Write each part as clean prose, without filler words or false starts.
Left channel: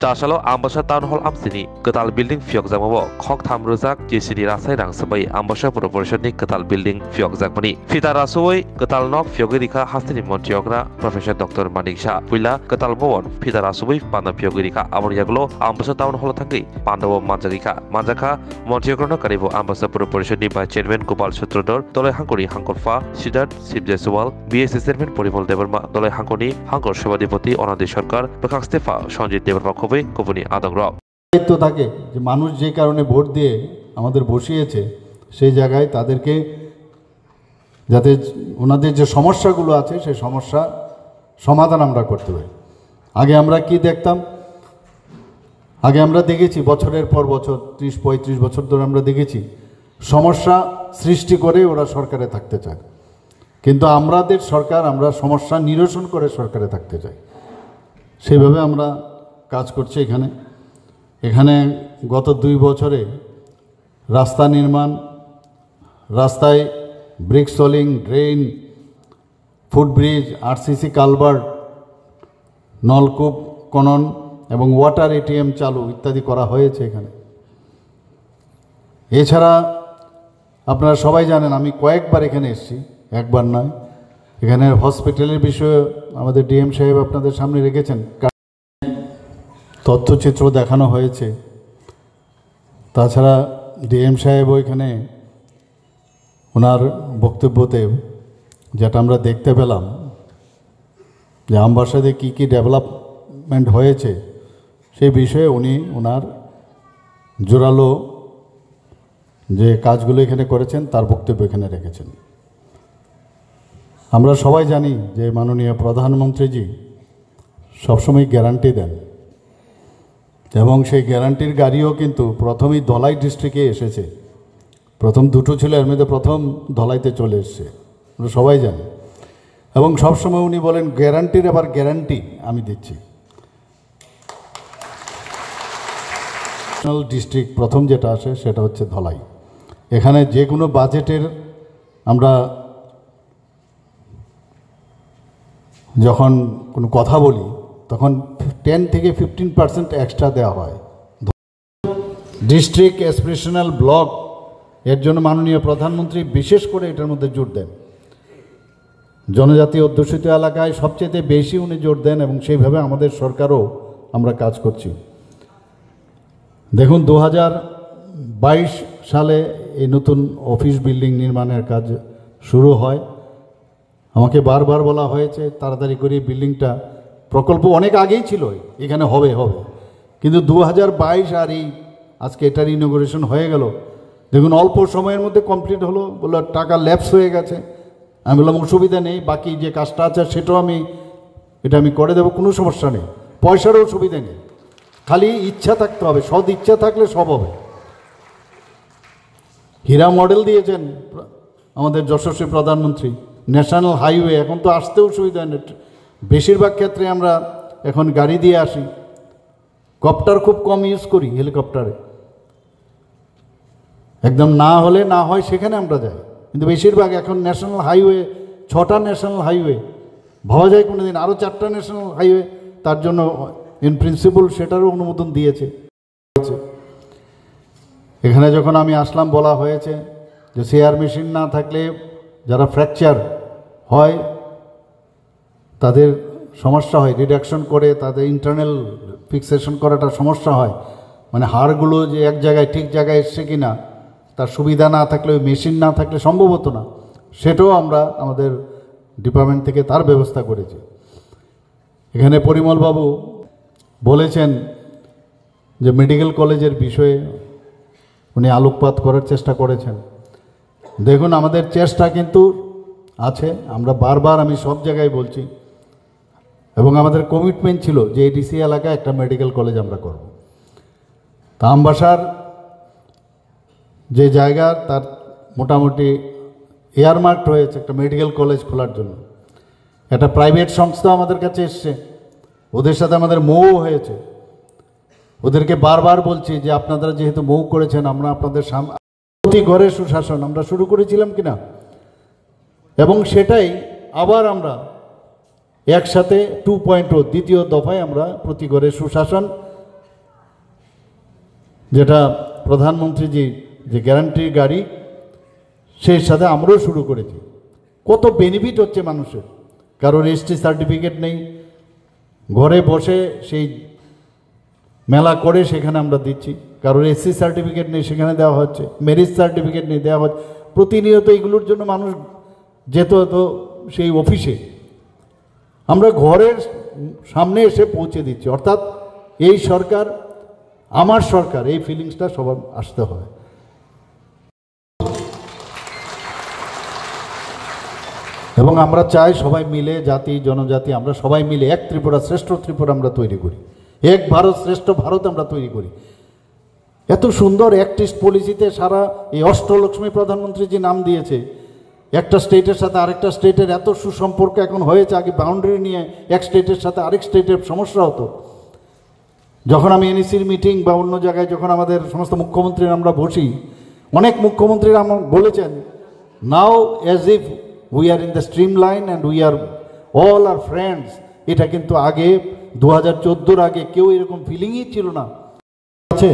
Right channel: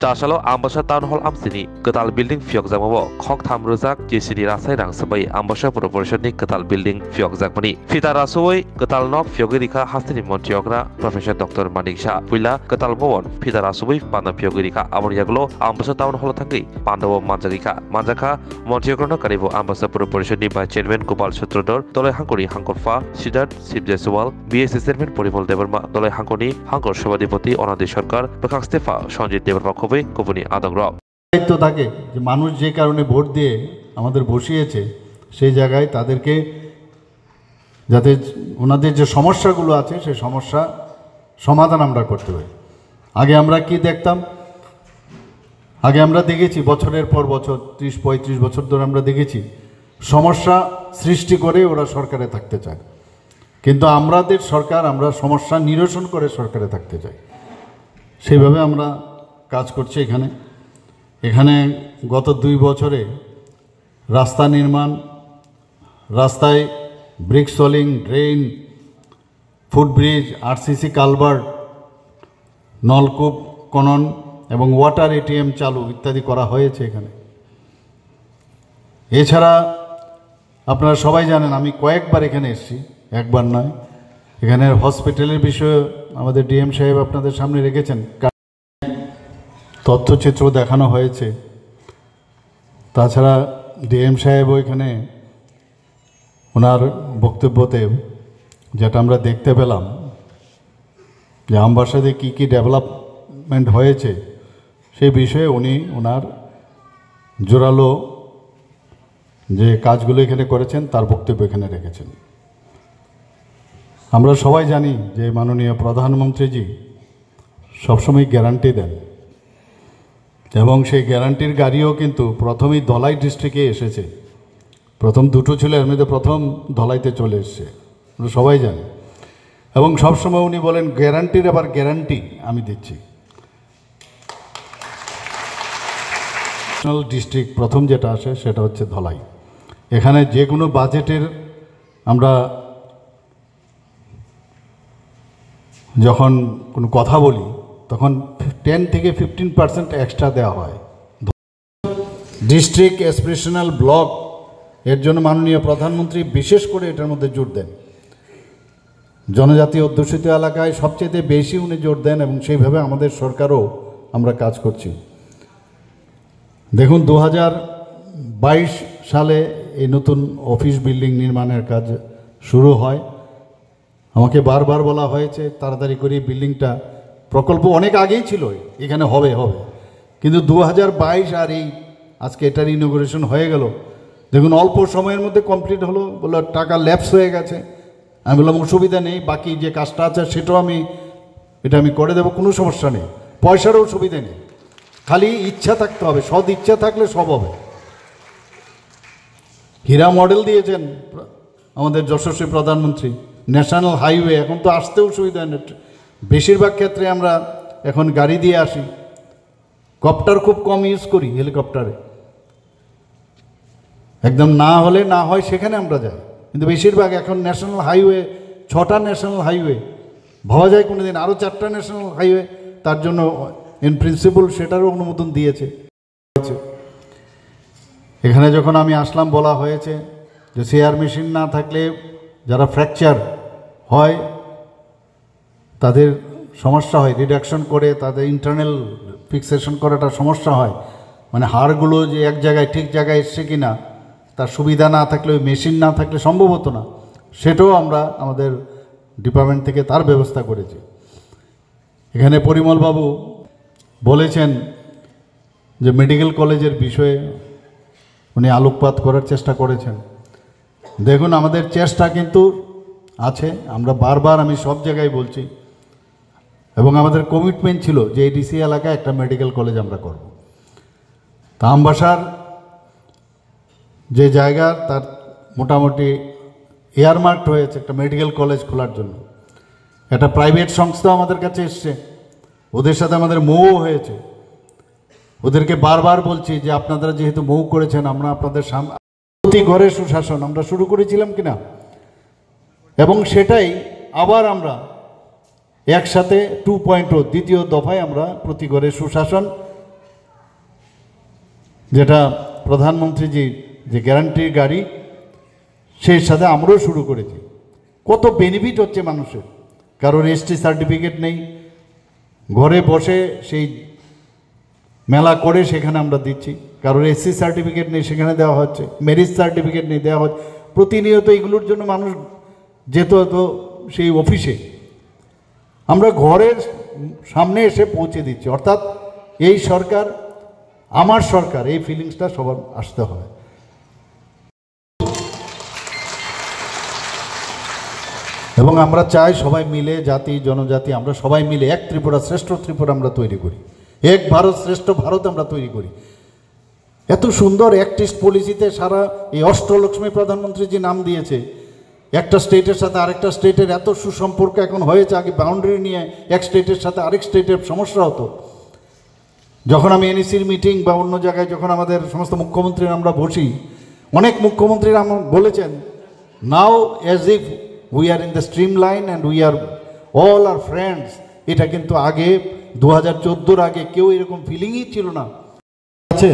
Tasalo Ambasha Town Hall Amsini, Katal Building Fiok Zamabo, Kok Tam Ruzak, JCD Rasai Rang Sabai, Ambasha Proportion Katal Building Fiok Zakmani. Fita Rasoi, Katal Nok Fiogirika Hastini Montiogra, Professor Dr. Manik Shah, Pula, Katal Bowon, Fita Rasoi, Panda Fiogirika, Amoriaglo, Ambasha Town Hall Tangi, Pandavo Manjaka, Manjaka, Montiogrono Karibo, Ambasha Proportion by Chairman Gopal Sutrodor, Dole Hankori Hankorfa, Sidat, Sibjeswal, BS Chairman Poribol Deverma, Dole Hankoni, Hankor Shabadipoti, Onadi Sarkar, Bakak Stefa, Sanjit Deverma. দায়িত্ব থাকে যে মানুষ যে কারণে vote দিয়ে আমাদের বসিয়েছে সেই জায়গায় তাদেরকে যাতে ওনাদের যে সমস্যাগুলো আছে সেই সমস্যা সমাধান আমরা করতে পারি। আগে আমরা কি দেখতাম, আগে আমরা দেখেছি বছরের পর বছর 30-35 বছর ধরে আমরা দেখেছি সমস্যা সৃষ্টি করে ওরা সরকারে থাকতে চায়, কিন্তু আমাদের সরকার আমরা সমস্যা নিরসন করে সরকারে থাকতে চাই। সেইভাবে আমরা কাজ করছে। এখানে গত 2 বছরে রাস্তা নির্মাণ, রাস্তায় brick সোলিং, drain, footbridge, RCC culvert, নলকূপ খনন এবং ওয়াটার এটিএম চালু ইত্যাদি করা হয়েছে এখানে। এছাড়া আপনারা সবাই জানেন আমি কয়েকবার এখানে এসেছি, একবার নয়। এখানের হসপিটালের বিষয়ে আমাদের ডিএম সাহেব আপনাদের সামনে রেখেছেন, তথ্যচিত্র দেখানো হয়েছে। তাছাড়া ডিএম সাহেবও এখানে ওনার বক্তব্যতে যেটা আমরা দেখতে পেলাম যে আমবাসাতে কী কী ডেভেলপমেন্ট হয়েছে সেই বিষয়ে উনি ওনার জোরালো যে কাজগুলো এখানে করেছেন তার বক্তব্য এখানে রেখেছেন। আমরা সবাই জানি যে মাননীয় প্রধানমন্ত্রীজি সবসময় গ্যারান্টি দেন এবং সেই গ্যারান্টির গাড়িও কিন্তু প্রথমেই ধলাই ডিস্ট্রিক্টে এসেছে। প্রথম 2টো ছিল, এর মধ্যে প্রথম ধলাইতে চলে এসছে, আমরা সবাই জানি। এবং সবসময় উনি বলেন গ্যারান্টির আবার গ্যারান্টি আমি দিচ্ছি। ডিস্ট্রিক্ট প্রথম যেটা আসে সেটা হচ্ছে ধলাই। এখানে যে কোনো বাজেটের আমরা যখন কোনো কথা বলি তখন 10 থেকে 15% এক্সট্রা দেওয়া হয়। ডিস্ট্রিক্ট এসপিরেশনাল ব্লক এর জন্য মাননীয় প্রধানমন্ত্রী বিশেষ করে এটার মধ্যে জোর দেন। জনজাতি অধ্যুষিত এলাকায় সবচেয়ে বেশি উনি জোর দেন এবং সেইভাবে আমাদের সরকারও আমরা কাজ করছি। দেখুন 2022 সালে এই নতুন অফিস বিল্ডিং নির্মাণের কাজ শুরু হয়। আমাকে বারবার বলা হয়েছে তাড়াতাড়ি করে বিল্ডিংটা, প্রকল্প অনেক আগেই ছিল এখানে হবে, কিন্তু 2022 আর এই আজকে এটার ইনোগ্রেশন হয়ে গেল। দেখুন অল্প সময়ের মধ্যে কমপ্লিট হলো, বললো টাকা ল্যাপস হয়ে গেছে। আমি বললাম অসুবিধা নেই, বাকি যে কাজটা আছে সেটাও আমি করে দেবো, কোনো সমস্যা নেই, পয়সারও অসুবিধা নেই, খালি ইচ্ছা থাকতে হবে, সৎ ইচ্ছা থাকলে সব হবে। হীরা মডেল দিয়েছেন আমাদের যশস্বী প্রধানমন্ত্রী, ন্যাশনাল হাইওয়ে, এখন তো আসতেও অসুবিধা নেই। বেশিরভাগ ক্ষেত্রে আমরা এখন গাড়ি দিয়ে আসি, কপ্টার খুব কম ইউজ করি, হেলিকপ্টারে একদম না হলে না হয় সেখানে আমরা যাই, কিন্তু বেশিরভাগ এখন ন্যাশনাল হাইওয়ে, 6টা ন্যাশনাল হাইওয়ে, ভাবা যায় কোনো দিন আরও 4টা ন্যাশনাল হাইওয়ে, তার জন্য ইন প্রিন্সিপাল সেটারও অনুমোদন দিয়েছে। এখানে যখন আমি আসলাম বলা হয়েছে যে সিআর মেশিন না থাকলে যারা ফ্র্যাকচার হয় তাদের সমস্যা হয়, রিডাকশন করে তাদের ইন্টারনাল ফিক্সেশন করাটা সমস্যা হয়, মানে হাড়গুলো যে এক জায়গায় ঠিক জায়গায় এসছে কি না তার সুবিধা না থাকলে, ওই মেশিন না থাকলে সম্ভব হতো না। সেটাও আমরা আমাদের ডিপার্টমেন্ট থেকে তার ব্যবস্থা করেছি। এখানে পরিমলবাবু বলেছেন যে মেডিকেল কলেজের বিষয়ে উনি আলোকপাত করার চেষ্টা করেছেন। দেখুন আমাদের চেষ্টা কিন্তু আছে, আমরা বারবার আমি সব জায়গায় বলছি, এবং আমাদের কমিটমেন্ট ছিল যে এই ডিসি এলাকায় একটা মেডিকেল কলেজ আমরা করব। তা আমবাসার যে জায়গা তার মোটামুটি এয়ারমার্ক হয়েছে একটা মেডিকেল কলেজ খোলার জন্য। একটা প্রাইভেট সংস্থাও আমাদের কাছে এসছে, ওদের সাথে আমাদের মৌ হয়েছে। ওদেরকে বারবার বলছি যে আপনারা যেহেতু মৌ করেছেন, আমরা আপনাদের প্রতি ঘরে সুশাসন আমরা শুরু করেছিলাম কিনা, এবং সেটাই আবার আমরা একসাথে 2.0 দ্বিতীয় দফায় আমরা প্রতি ঘরে সুশাসন যেটা প্রধানমন্ত্রীজির যে গ্যারান্টির গাড়ি, সেই সাথে আমরাও শুরু করেছি। কত বেনিফিট হচ্ছে মানুষের। কারোর এসটি সার্টিফিকেট নেই, ঘরে বসে সেই মেলা করে সেখানে আমরা দিচ্ছি। কারোর এসসি সার্টিফিকেট নেই, সেখানে দেওয়া হচ্ছে। ম্যারেজ সার্টিফিকেট নেই, দেওয়া হচ্ছে। প্রতিনিয়ত এগুলোর জন্য মানুষ যেত হতো সেই অফিসে, আমরা ঘরের সামনে এসে পৌঁছে দিচ্ছি। অর্থাৎ এই সরকার আমার সরকার, এই ফিলিংসটা সবার আসতে হয়। এবং আমরা চাই সবাই মিলে, জাতি জনজাতি আমরা সবাই মিলে এক ত্রিপুরা, শ্রেষ্ঠ ত্রিপুরা আমরা তৈরি করি, এক ভারত শ্রেষ্ঠ ভারত আমরা তৈরি করি। এত সুন্দর অ্যাক্টিস্ট পলিসিতে সারা এই অষ্টলক্ষ্মী প্রধানমন্ত্রী যে নাম দিয়েছে, একটা স্টেটের সাথে আরেকটা স্টেটের এত সুসম্পর্ক এখন হয়েছে। আগে বাউন্ডারি নিয়ে এক স্টেটের সাথে আরেক স্টেটের সমস্যা হতো। যখন আমি এনইসির মিটিং বা অন্য জায়গায় যখন আমাদের সমস্ত মুখ্যমন্ত্রীরা আমরা বসি, অনেক মুখ্যমন্ত্রীরা আমার বলেছেন, now as if we are in the stream line and we are all are friends. এটা কিন্তু আগে 2014 আগে কেউ এরকম ফিলিংই ছিল না। আছে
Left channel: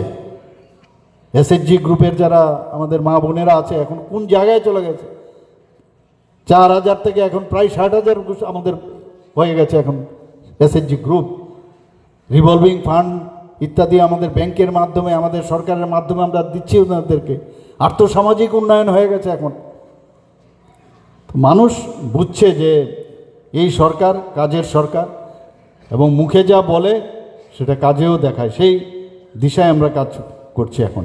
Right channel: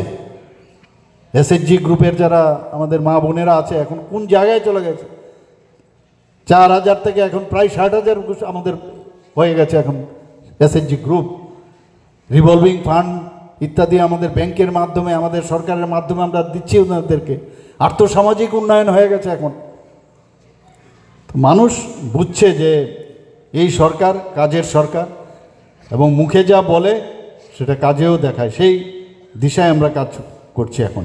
এসএইচজি গ্রুপের যারা আমাদের মা বোনেরা আছে, এখন কোন জায়গায় চলে গেছে? 4000 থেকে এখন প্রায় 60,000 আমাদের হয়ে গেছে এখন এসএইচজি গ্রুপ। রিভলভিং ফান্ড ইত্যাদি আমাদের ব্যাংকের মাধ্যমে, আমাদের সরকারের মাধ্যমে আমরা দিচ্ছি ওনাদেরকে। আর্থসামাজিক উন্নয়ন হয়ে গেছে এখন। মানুষ বুঝছে যে এই সরকার কাজের সরকার, এবং মুখে যা বলে সেটা কাজেও দেখায়। সেই দিশায় আমরা কাজ করছি এখন।